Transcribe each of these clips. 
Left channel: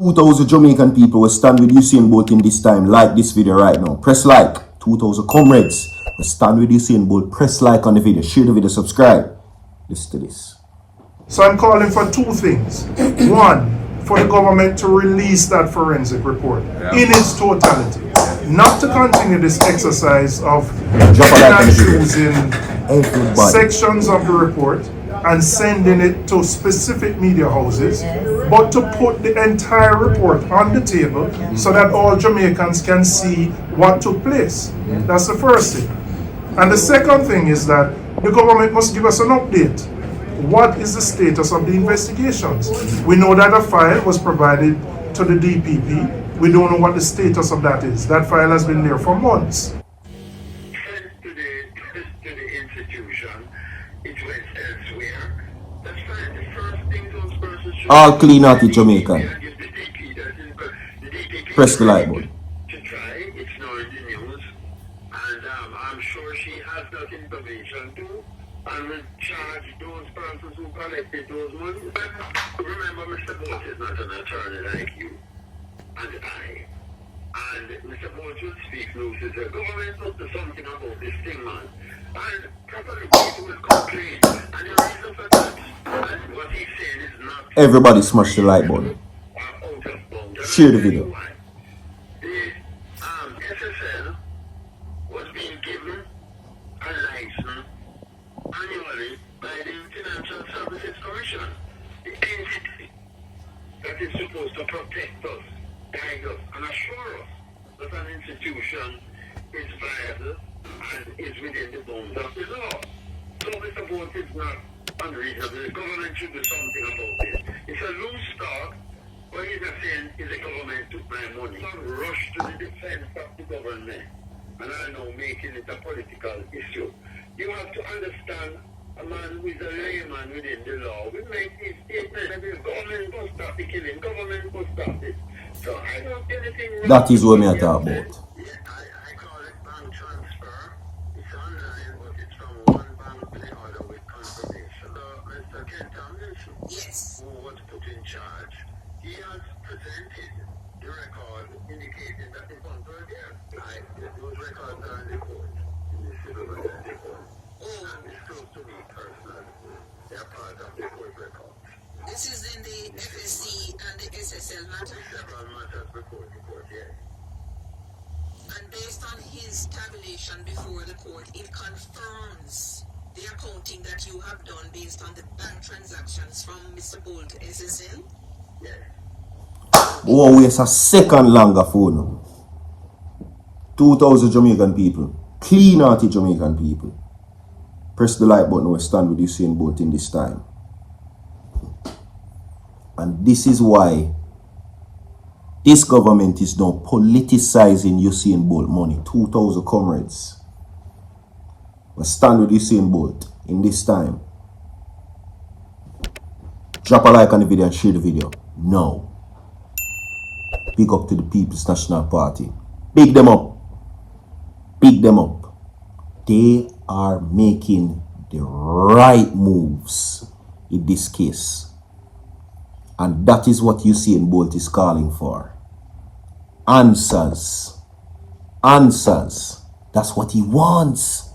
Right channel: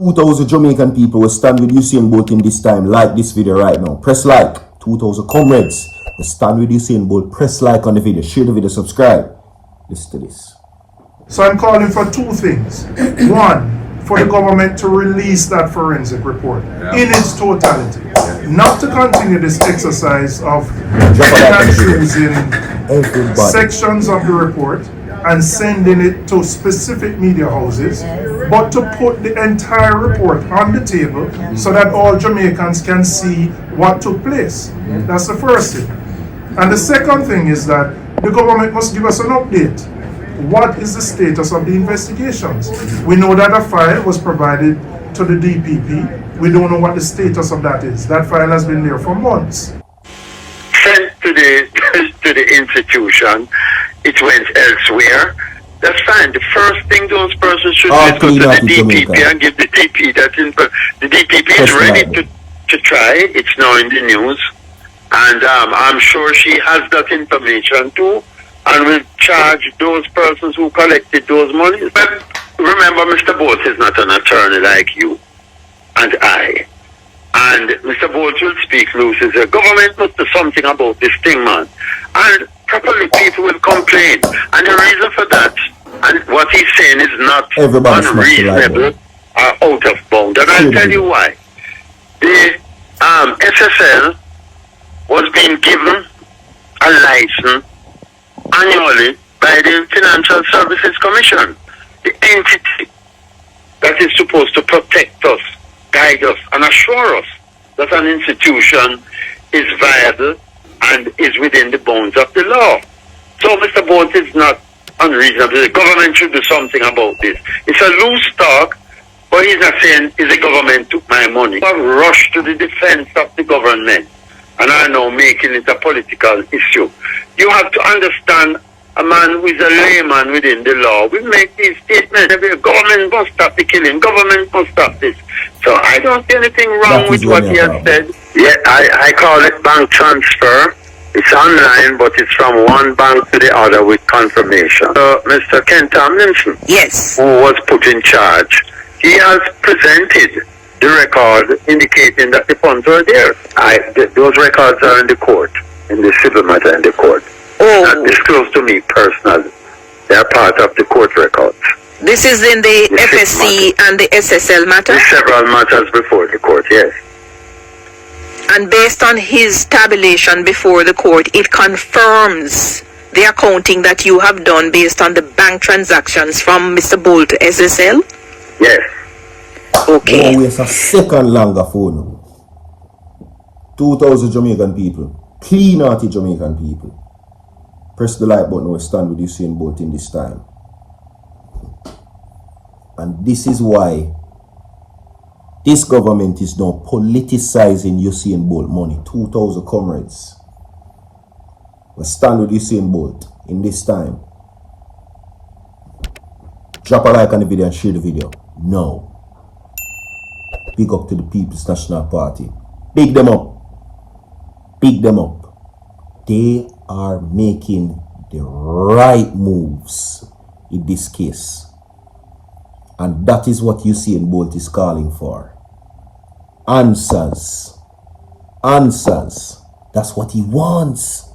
2,000 Jamaican people will stand with Usain Bolt in this time. Like this video right now. Press like. 2,000 comrades will stand with Usain Bolt. Press like on the video. Share the video. Subscribe. Listen to this. So I'm calling for two things. One, for the government to release that forensic report in its totality. Not to continue this exercise of picking and choosing sections of the report and sending it to specific media houses, but to put the entire report on the table so that all Jamaicans can see what took place. That's the first thing. And the second thing is that the government must give us an update. What is the status of the investigations? We know that a file was provided to the DPP. We don't know what the status of that is. That file has been there for months. Sent to the institution, it went elsewhere. That's fine. The first thing those persons should do is go to the DPP and give the DPP that info. The DPP is ready to try. It's now in the news. And I'm sure she has that information too, and will charge those persons who collected those monies. But remember, Mr. Bolt is not an attorney like you and I. And Mr. Bolt will speak loose. The government must do something about this thing, man. And probably people will complain. And the reason for that, and what he's saying is not unreasonable or out of bounds. And I'll tell you why. The SSL was being given a license annually by the Financial Services Commission, the entity that is supposed to protect us, guide us, and assure us that an institution is viable and is within the bounds of the law. So Mr. Bolt is not unreasonable. The government should do something about this. It's a loose talk, but he's not saying the government took my money. I rush to the defense of the government, and I know making it a political issue. You have to understand, a man who is a layman within the law will make these statements. The government must stop the killing. Government must stop this. So I don't see anything wrong with what he has said. Yeah, I call it bank transfer. It's online, but it's from one bank to the other with confirmation. So Mr. Ken Tomlinson, yes, who was put in charge, he has presented the record indicating that the funds are there. Those records are in the court, in the civil matter in the court. Not disclosed to me personally. They are part of the court records. This is in the FSC and the SSL matter? There's several matters before the court, yes. And based on his tabulation before the court, it confirms the accounting that you have done based on the bank transactions from Mr. Bolt to SSL? Yes. Okay. No, it's a second longer phone. 2,000 Jamaican people. Clean-hearted Jamaican people. Press the like button or stand with Usain Bolt in this time. And this is why this government is now politicizing Usain Bolt money. 2,000 comrades will stand with Usain Bolt in this time. Drop a like on the video and share the video. No. Big up to the People's National Party. Big them up. Big them up. They are making the right moves in this case. And that is what Usain Bolt is calling for. Answers. Answers. That's what he wants.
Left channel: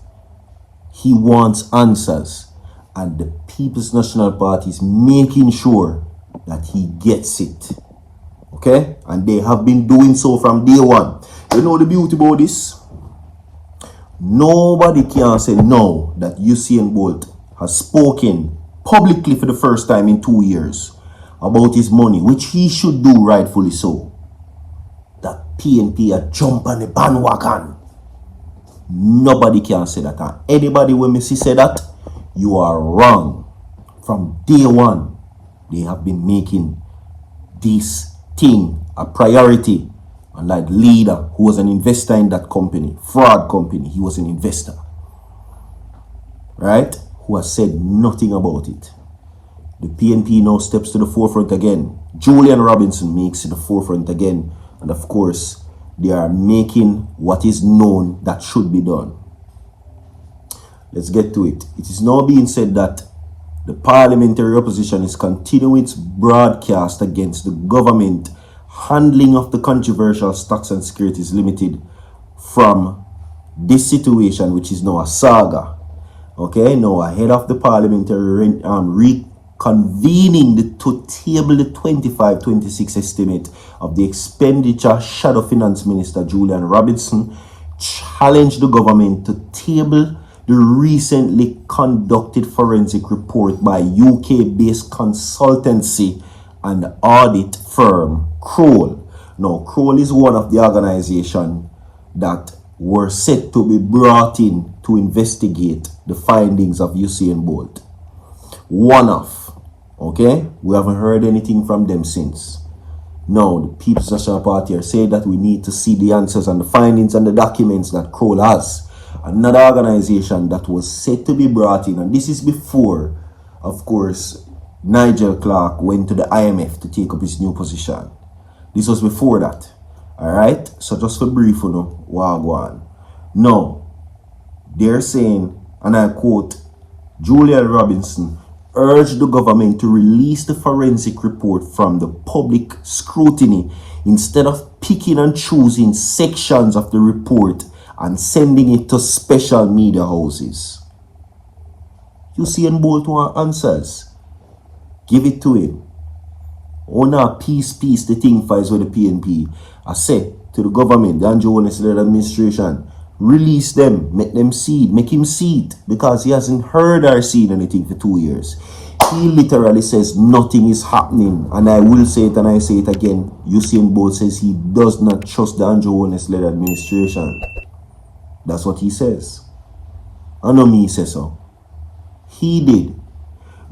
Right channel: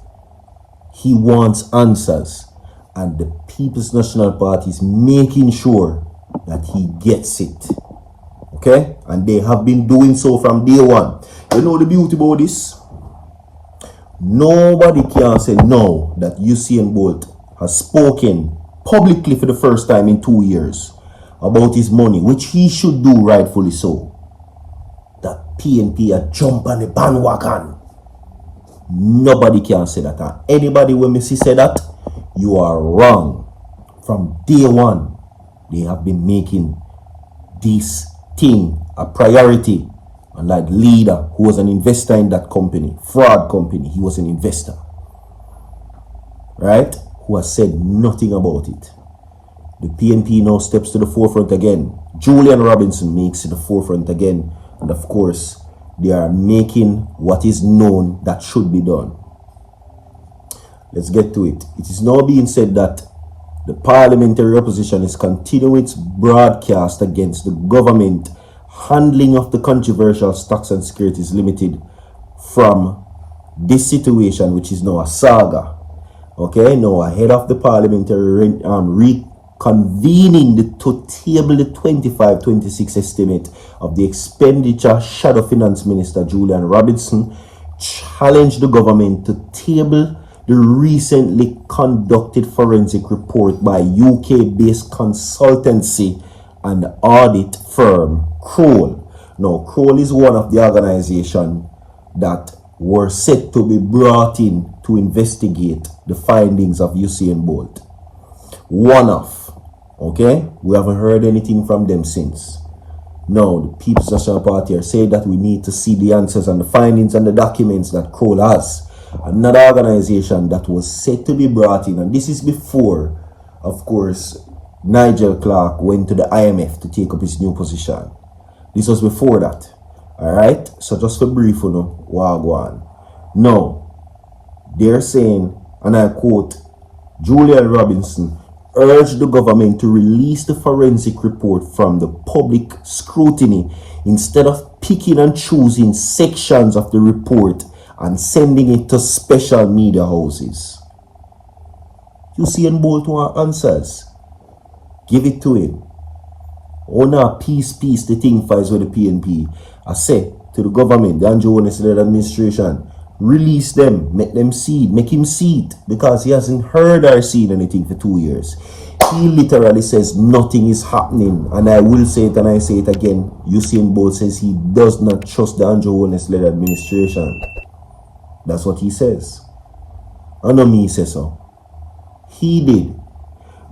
He wants answers. And the People's National Party is making sure that he gets it. Okay? And they have been doing so from day one. You know the beauty about this? Nobody can say no that Usain Bolt has spoken publicly for the first time in 2 years about his money, which he should do rightfully so. That PNP a jump on the bandwagon. Nobody can say that. And anybody when Missy say that, you are wrong. From day one, they have been making this thing a priority. And like leader who was an investor in that company, fraud company, he was an investor, right? Who has said nothing about it. The PNP now steps to the forefront again. Julian Robinson makes it the forefront again. And of course, they are making what is known that should be done. Let's get to it. It is now being said that the parliamentary opposition is continuing its broadcast against the government handling of the controversial stocks and securities limited from this situation, which is now a saga. Okay, now ahead of the parliamentary reconvening to table the 25-26 estimate of the expenditure, Shadow Finance Minister Julian Robinson challenged the government to table the recently conducted forensic report by UK-based consultancy and audit firm Kroll. Now, Kroll is one of the organizations that were set to be brought in to investigate the findings of Usain Bolt. One of, okay? We haven't heard anything from them since. Now, the People's National Party are saying that we need to see the answers and the findings and the documents that Kroll has. Another organization that was said to be brought in, and this is before, of course, Nigel Clark went to the IMF to take up his new position. This was before that. Alright? So just for brief, wagwan. Now, they're saying, and I quote, Julian Robinson urged the government to release the forensic report from the public scrutiny instead of picking and choosing sections of the report and sending it to special media houses. Usain Bolt want answers. Give it to him. Oh no, peace, the thing fights with the PNP. I say to the government, the Andrew Holness administration, release them, make them see it, make him see it, because he hasn't heard or seen anything for 2 years. He literally says nothing is happening, and I will say it and I say it again. Usain Bolt says he does not trust the Andrew Holness-led administration. That's what he says. I know me say so. He did.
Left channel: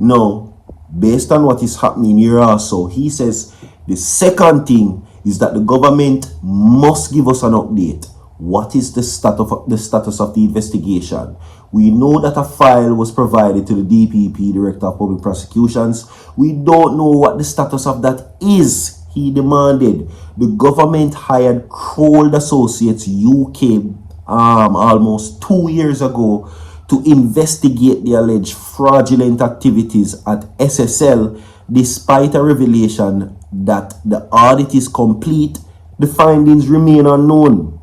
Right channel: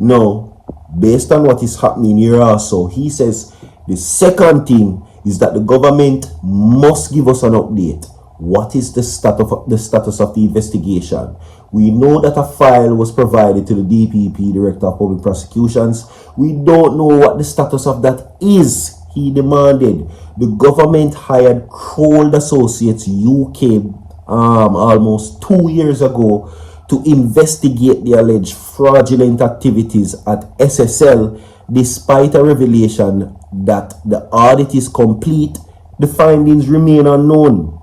Now, based on what is happening here also, he says the second thing is that the government must give us an update. What is the status of the investigation? We know that a file was provided to the DPP, Director of Public Prosecutions. We don't know what the status of that is. He demanded. The government hired Kroll Associates UK almost 2 years ago to investigate the alleged fraudulent activities at SSL, despite a revelation that the audit is complete. The findings remain unknown.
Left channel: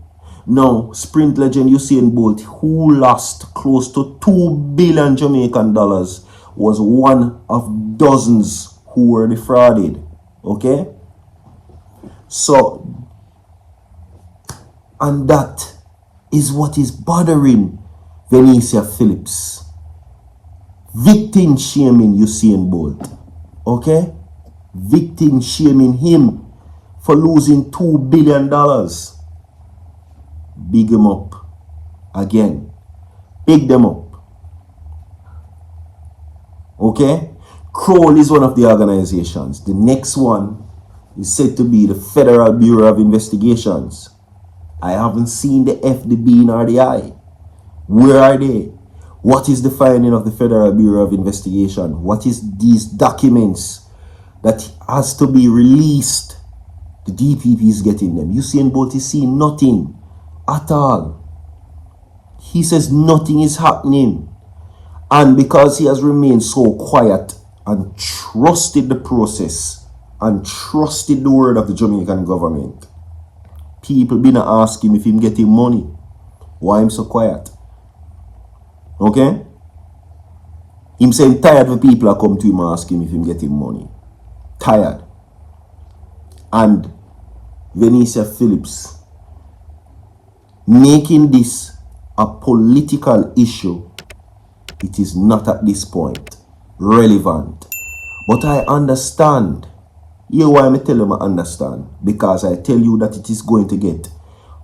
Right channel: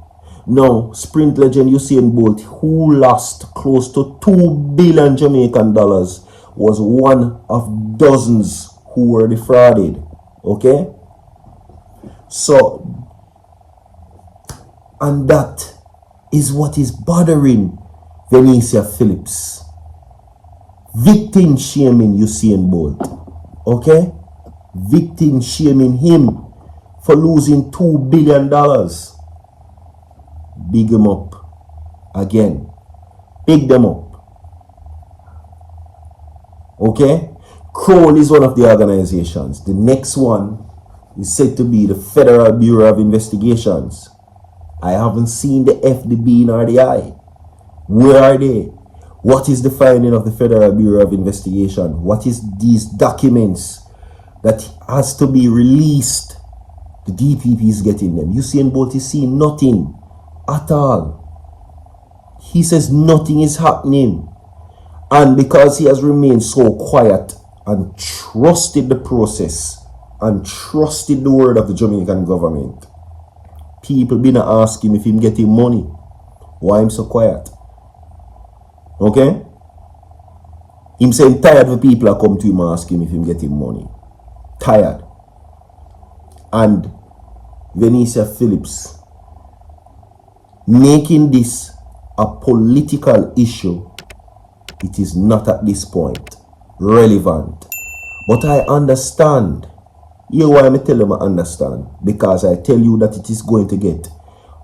Now, sprint legend Usain Bolt, who lost close to 2 billion Jamaican dollars, was one of dozens who were defrauded. Okay? So, and that is what is bothering Venicia Phillips. Victim shaming Usain Bolt. Okay? Victim shaming him for losing $2 billion. Big him up. Again. Big them up. Okay? Kroll is one of the organizations. The next one is said to be the Federal Bureau of Investigations. I haven't seen the FDB nor the I. Where are they? What is the finding of the Federal Bureau of Investigation? What is these documents that has to be released? The DPP is getting them. Usain Bolt is seeing nothing at all. He says nothing is happening. And because he has remained so quiet and trusted the process and trusted the word of the Jamaican government, people been asking if him getting money. Why him so quiet? Okay? Him saying tired of people are come to him asking if him getting money. Tired. And Venicia Phillips making this a political issue, it is not at this point relevant. But I understand. Here why I tell you I understand. Because I tell you that it is going to get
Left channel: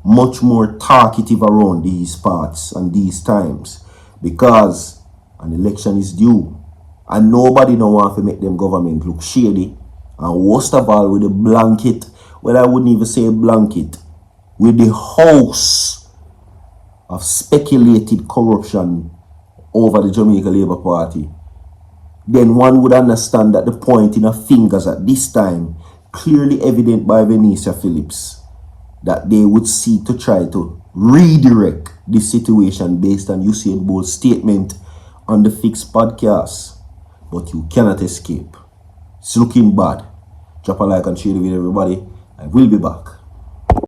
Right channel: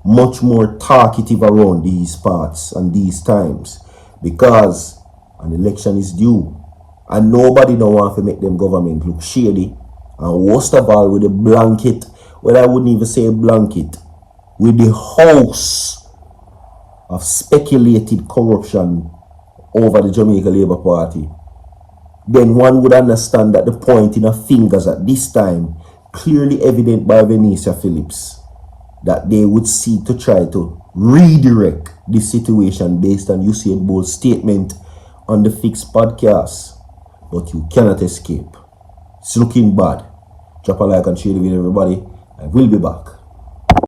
much more talkative around these parts and these times. Because an election is due. And nobody don't want to make them government look shady. And worst of all with a blanket. Well, I wouldn't even say a blanket. With the house of speculated corruption over the Jamaica Labour Party, then one would understand that the pointing of fingers at this time clearly evident by Venicia Phillips, that they would seek to try to redirect this situation based on Usain Bolt's statement on the Fixed podcast. But you cannot escape. It's looking bad. Drop a like and share the video, everybody. I will be back.